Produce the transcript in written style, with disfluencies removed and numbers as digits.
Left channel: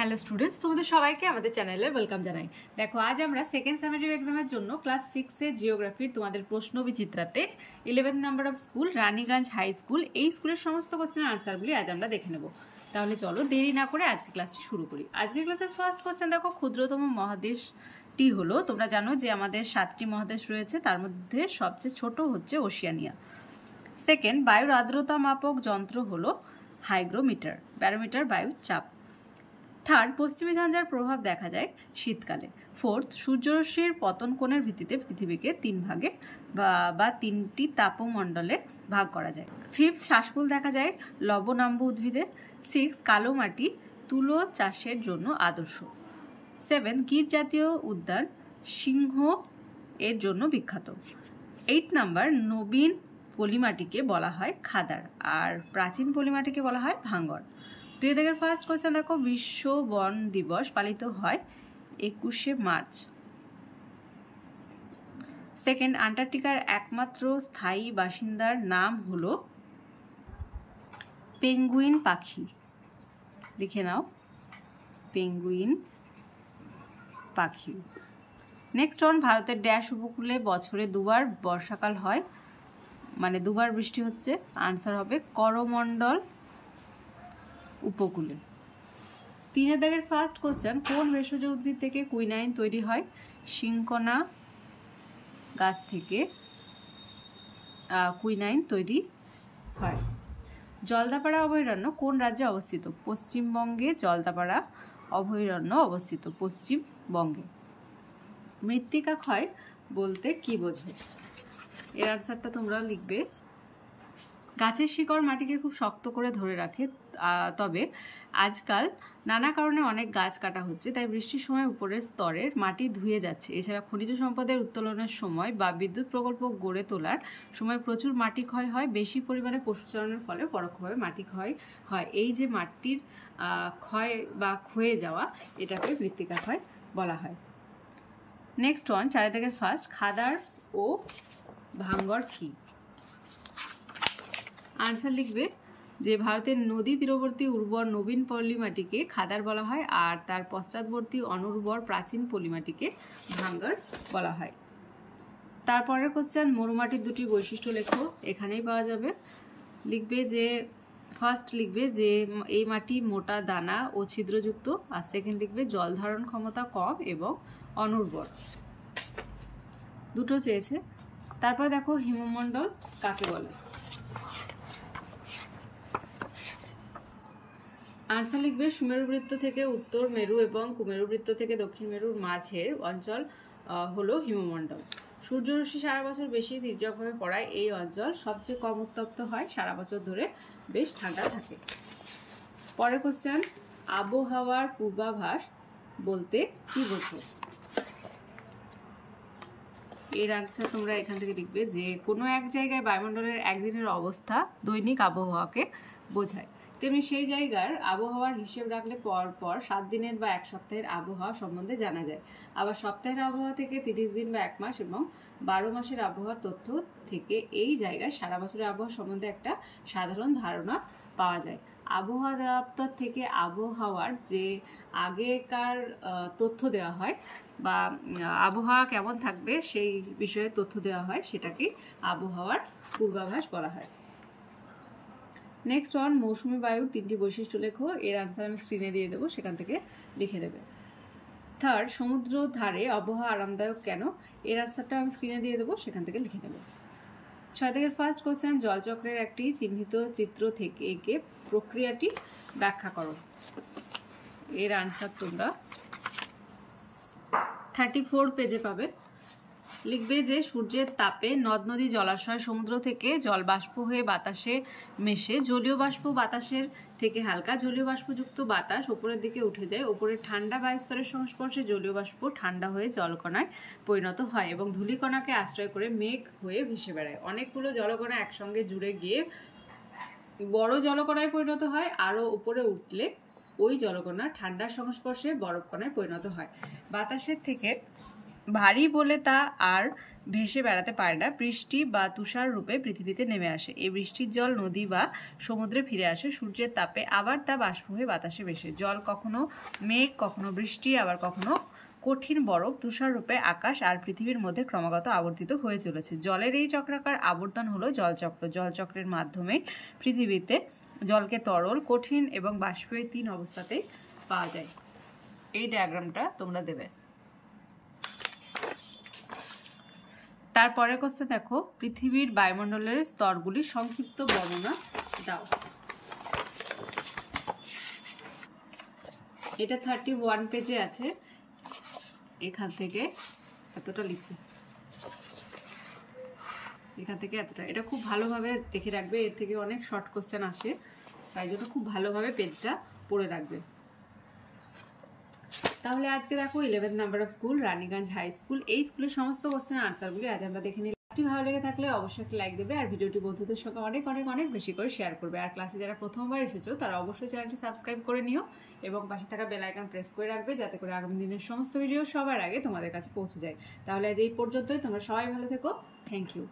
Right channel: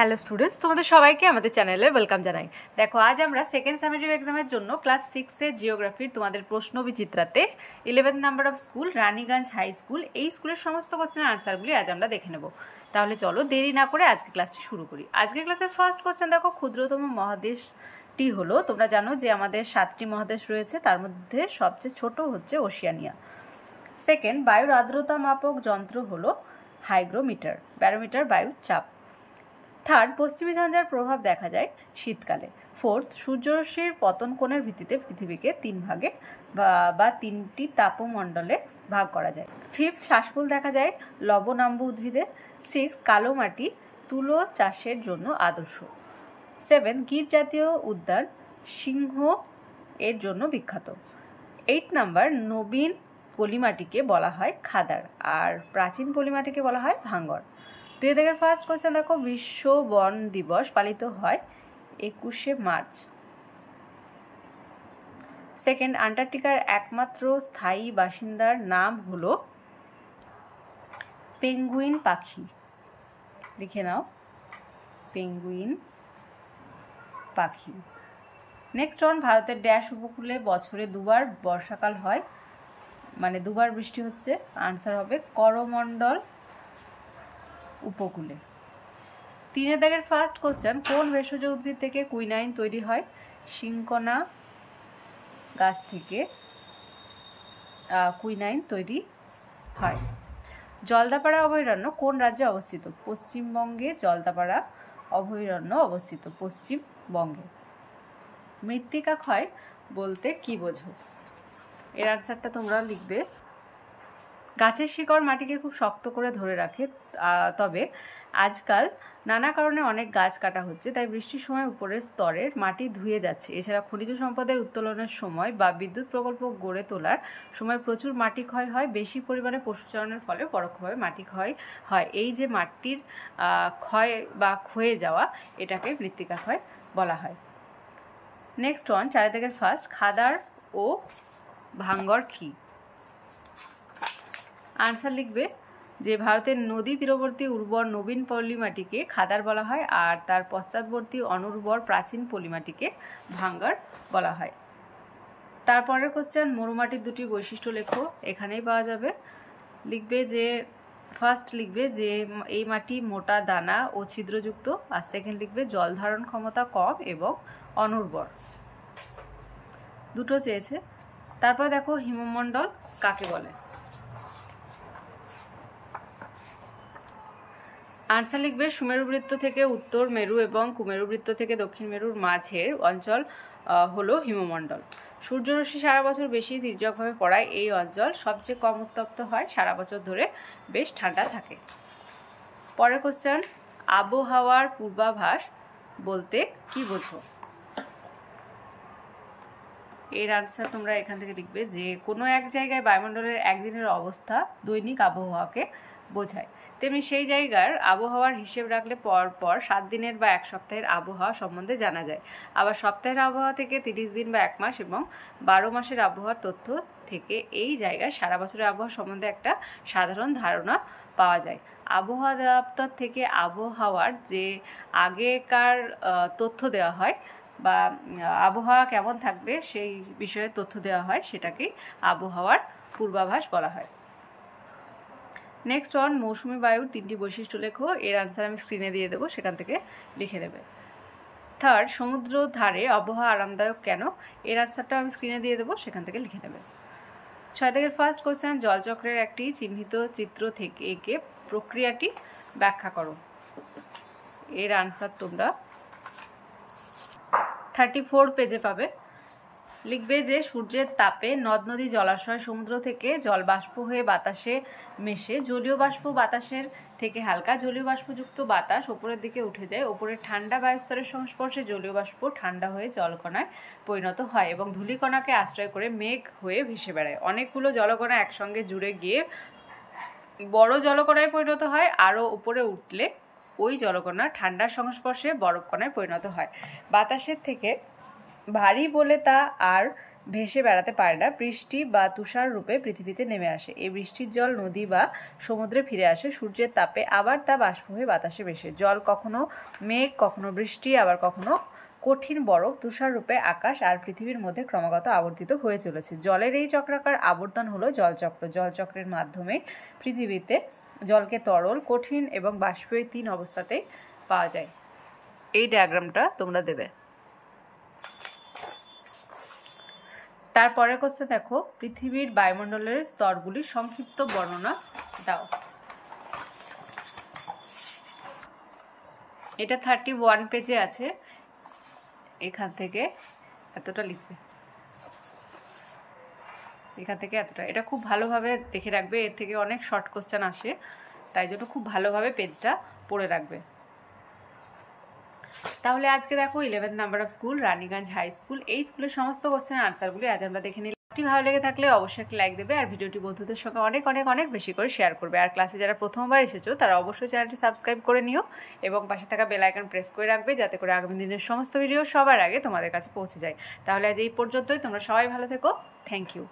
Hello students, তোমাদের সবাইকে আমাদের চ্যানেলে ওয়েলকাম জানাই। দেখো, আজ আমরা সেকেন্ড সামেটিভ এক্সামের জন্য ক্লাস 6-এর জিওগ্রাফির তোমাদের প্রশ্ন বিচিত্রাতে 11 number of school Raniganj high school, এই স্কুলের সমস্ত কোশ্চেনের আনসারগুলি আজ আমরা দেখে নেব। তাহলে চলো দেরি না করে আজকে ক্লাসটি শুরু করি। আজকের ক্লাসের ফার্স্ট কোশ্চেন দেখো, ক্ষুদ্রতম মহাদেশটি হলো, তোমরা জানো যে আমাদের 7টি মহাদেশ রয়েছে, তার মধ্যে সবচেয়ে ছোট হচ্ছে ওশিয়ানিয়া। সেকেন্ড, বায়ুর আর্দ্রতা মাপক যন্ত্র হলো হাইগ্রোমিটার, ব্যারোমিটার বায়ুর চাপ। থার্ড, পশ্চিমী ঝঞ্ঝার প্রভাব দেখা যায় শীতকালে। ফোর্থ, সূর্যরশ্মির পতন কোণের ভিত্তিতে পৃথিবীকে 3 ভাগে বা 3টি তাপমণ্ডলে ভাগ করা যায়। ফিফথ, শ্বাসমূল দেখা যায় লবণাম্ব উদ্ভিদে। 6, কালো মাটি তুলো চাষের জন্য আদর্শ। 7, গির জাতীয় উদ্যান সিংহ এর জন্য বিখ্যাত। 8 নাম্বার, নবীন পলিমাটিকে বলা হয় খাদার, আর প্রাচীন পলিমাটিকে বলা হয় ভাঙ্গর। 2 থেকে ফার্স্ট কোশ্চেন দেখো, বিশ্ব বন দিবস পালিত হয় 21শে মার্চ। সেকেন্ড, আন্টার্কটিকার একমাত্র স্থায়ী বাসিন্দার নাম হলো পেঙ্গুইন পাখি। লিখে নাও, পেঙ্গুইন পাখি। নেক্সট অন, ভারতের ড্যাশ উপকূলে বছরে 2বার বর্ষাকাল হয়, মানে 2বার বৃষ্টি হচ্ছে। আনসার হবে করমণ্ডল উপকূলে। 3 দাগের ফার্স্ট কোশ্চেন, কোন ভেষজ উদ্ভিদ থেকে কুইনাইন তৈরি হয়? সিনকোনা গাছ থেকে কুইনাইন তৈরি হয়। জলদাপাড়া অভয়ারণ্য কোন রাজ্যে অবস্থিত? পশ্চিমবঙ্গে জলদাপাড়া অভয়ারণ্য অবস্থিত, পশ্চিমবঙ্গে। মৃত্তিকা ক্ষয় বলতে কি বোঝো? এর আনসারটা তোমরা লিখবে। গাছের শিকড় মাটিকে খুব শক্ত করে ধরে রাখে, তবে আজকাল নানা কারণে অনেক গাছ কাটা হচ্ছে, তাই বৃষ্টির সময় উপরের স্তরের মাটি ধুয়ে যাচ্ছে। এছাড়া খনিজ সম্পদের উত্তোলনের সময় বা বিদ্যুৎ প্রকল্প গড়ে তোলার সময় প্রচুর মাটি ক্ষয় হয়। বেশি পরিমাণে পশুচারণের ফলে পরোক্ষভাবে মাটি ক্ষয় হয়। এই যে মাটির ক্ষয় বা ক্ষয়ে যাওয়া, এটাকে মৃত্তিকা ক্ষয় বলা হয়। নেক্সট ওয়ান, 4 দাগের ফার্স্ট, খাদার ও ভাঙ্গর কি? আনসার লিখবে যে ভারতের নদী তীরবর্তী উর্বর নবীন পলিমাটিকে খাদার বলা হয়, আর তার পশ্চাৎবর্তী অনুর্বর প্রাচীন পলিমাটিকে ভাঙ্গার বলা হয়। তারপরের কোশ্চেন, মরুমাটির 2টি বৈশিষ্ট্য লেখো, এখানেই পাওয়া যাবে। লিখবে যে ফার্স্ট লিখবে যে এই মাটি মোটা দানা ও ছিদ্রযুক্ত, আর সেকেন্ড লিখবে জল ধারণ ক্ষমতা কম এবং অনুর্বর। দুটো চেয়েছে। তারপর দেখো, হিমমণ্ডল কাকে বলে? আনসার লিখবে সুমেরু বৃত্ত থেকে উত্তর মেরু এবং কুমেরু বৃত্ত থেকে দক্ষিণ মেরুর মাঝের অঞ্চল হলো হিমমণ্ডল। সূর্যরশ্মি সারা বছর বেশি তির্যকভাবে পড়ায় এই অঞ্চল সবচেয়ে কম উত্তপ্ত হয়, সারা বছর ধরে বেশ ঠান্ডা থাকে। পরের কোশ্চেন, আবহাওয়ার পূর্বাভাস বলতে কি বোঝো? এর আনসার তোমরা এখান থেকে লিখবে যে কোনো এক জায়গায় বায়ুমণ্ডলের একদিনের অবস্থা দৈনিক আবহাওয়াকে বোঝায়। তেমনি সেই জায়গার আবহাওয়ার হিসেব রাখলে পর 7 দিনের বা 1 সপ্তাহের আবহাওয়া সম্বন্ধে জানা যায়। আবার সপ্তাহের আবহাওয়া থেকে 30 দিন বা 1 মাস এবং 12 মাসের আবহাওয়ার তথ্য থেকে এই জায়গায় সারা বছরের আবহাওয়া সম্বন্ধে একটা সাধারণ ধারণা পাওয়া যায়। আবহাওয়া দপ্তর থেকে আবহাওয়ার যে আগেকার তথ্য দেওয়া হয় বা আবহাওয়া কেমন থাকবে সেই বিষয়ে তথ্য দেওয়া হয়, সেটাকে আবহাওয়ার পূর্বাভাস বলা হয়। নেক্সট অন, মৌসুমী বায়ুর 3টি বৈশিষ্ট্য লেখো, এর আনসার আমি স্ক্রিনে দিয়ে দেবো, সেখান থেকে লিখে দেবে। থার্ড, সমুদ্র ধারে আবহাওয়া আরামদায়ক কেন? এর আনসারটা আমি স্ক্রিনে দিয়ে দেবো, সেখান থেকে লিখে নেবে। 6 থেকে ফার্স্ট কোশ্চেন, জলচক্রের একটি চিহ্নিত চিত্র থেকে এঁকে প্রক্রিয়াটি ব্যাখ্যা করো। এর আনসার তোমরা 34 পেজে পাবে। লিখবে যে সূর্যের তাপে নদ নদী জলাশয় সমুদ্র থেকে জল বাষ্প হয়ে বাতাসে মেশে, জলীয় বাষ্প বাতাসের থেকে হালকা, জলীয় বাষ্পযুক্ত বাতাস ওপরের দিকে উঠে যায়। ওপরের ঠান্ডা বায়ুস্তরের সংস্পর্শে জলীয় বাষ্প ঠান্ডা হয়ে জলকণায় পরিণত হয় এবং ধূলিকণাকে আশ্রয় করে মেঘ হয়ে ভেসে বেড়ায়। অনেকগুলো জলকণা একসঙ্গে জুড়ে গিয়ে বড় জলকণায় পরিণত হয়। আরও উপরে উঠলে ওই জলকণা ঠান্ডার সংস্পর্শে বরফ কণায় পরিণত হয়। বাতাসের থেকে ভারী বলে তা আর ভেসে বেড়াতে পারে না, বৃষ্টি বা তুষার রূপে পৃথিবীতে নেমে আসে। এই বৃষ্টির জল নদী বা সমুদ্রে ফিরে আসে সূর্যের তাপে, আবার তা বাষ্প হয়ে বাতাসে ভেসে। জল কখনো মেঘ, কখনো বৃষ্টি, আবার কখনো কঠিন বরফ তুষার রূপে আকাশ আর পৃথিবীর মধ্যে ক্রমাগত আবর্তিত হয়ে চলেছে। জলের এই চক্রাকার আবর্তন হলো জলচক্র। জলচক্রের মাধ্যমে পৃথিবীতে জলকে তরল, কঠিন এবং বাষ্পীয় 3 অবস্থাতেই পাওয়া যায়। এই ডায়াগ্রামটা তোমরা দেবে। তারপরে কোশ্চেন দেখো, পৃথিবীর বায়ুমণ্ডলের স্তরগুলির সংক্ষিপ্ত বর্ণনা দাও। এটা 31 পেজে আছে, এখান থেকে এতটা লিখবে, এখান থেকে এতটা। এটা খুব ভালোভাবে দেখে রাখবে, এর থেকে অনেক শর্ট কোশ্চেন আসে, তাই জন্য খুব ভালোভাবে পেজটা পড়ে রাখবে। তাহলে আজকে দেখো 11 number of school Raniganj high school, এই স্কুলের সমস্ত কোশ্চেনের আনসারগুলি আজ আমরা দেখে নিলাম। ভালো লেগে থাকলে অবশ্যই একটা লাইক দেবে আর ভিডিওটি বন্ধুদের সঙ্গে অনেক অনেক অনেক বেশি করে শেয়ার করবে। আর ক্লাসে যারা প্রথমবার এসেছো তারা অবশ্যই চ্যানেলটি সাবস্ক্রাইব করে নিও এবং পাশে থাকা বেল আইকন প্রেস করে রাখবে, যাতে করে আগামী দিনের সমস্ত ভিডিও সবার আগে তোমাদের কাছে পৌঁছে যায়। তাহলে আজ এই পর্যন্তই, তোমরা সবাই ভালো থেকো। Thank you.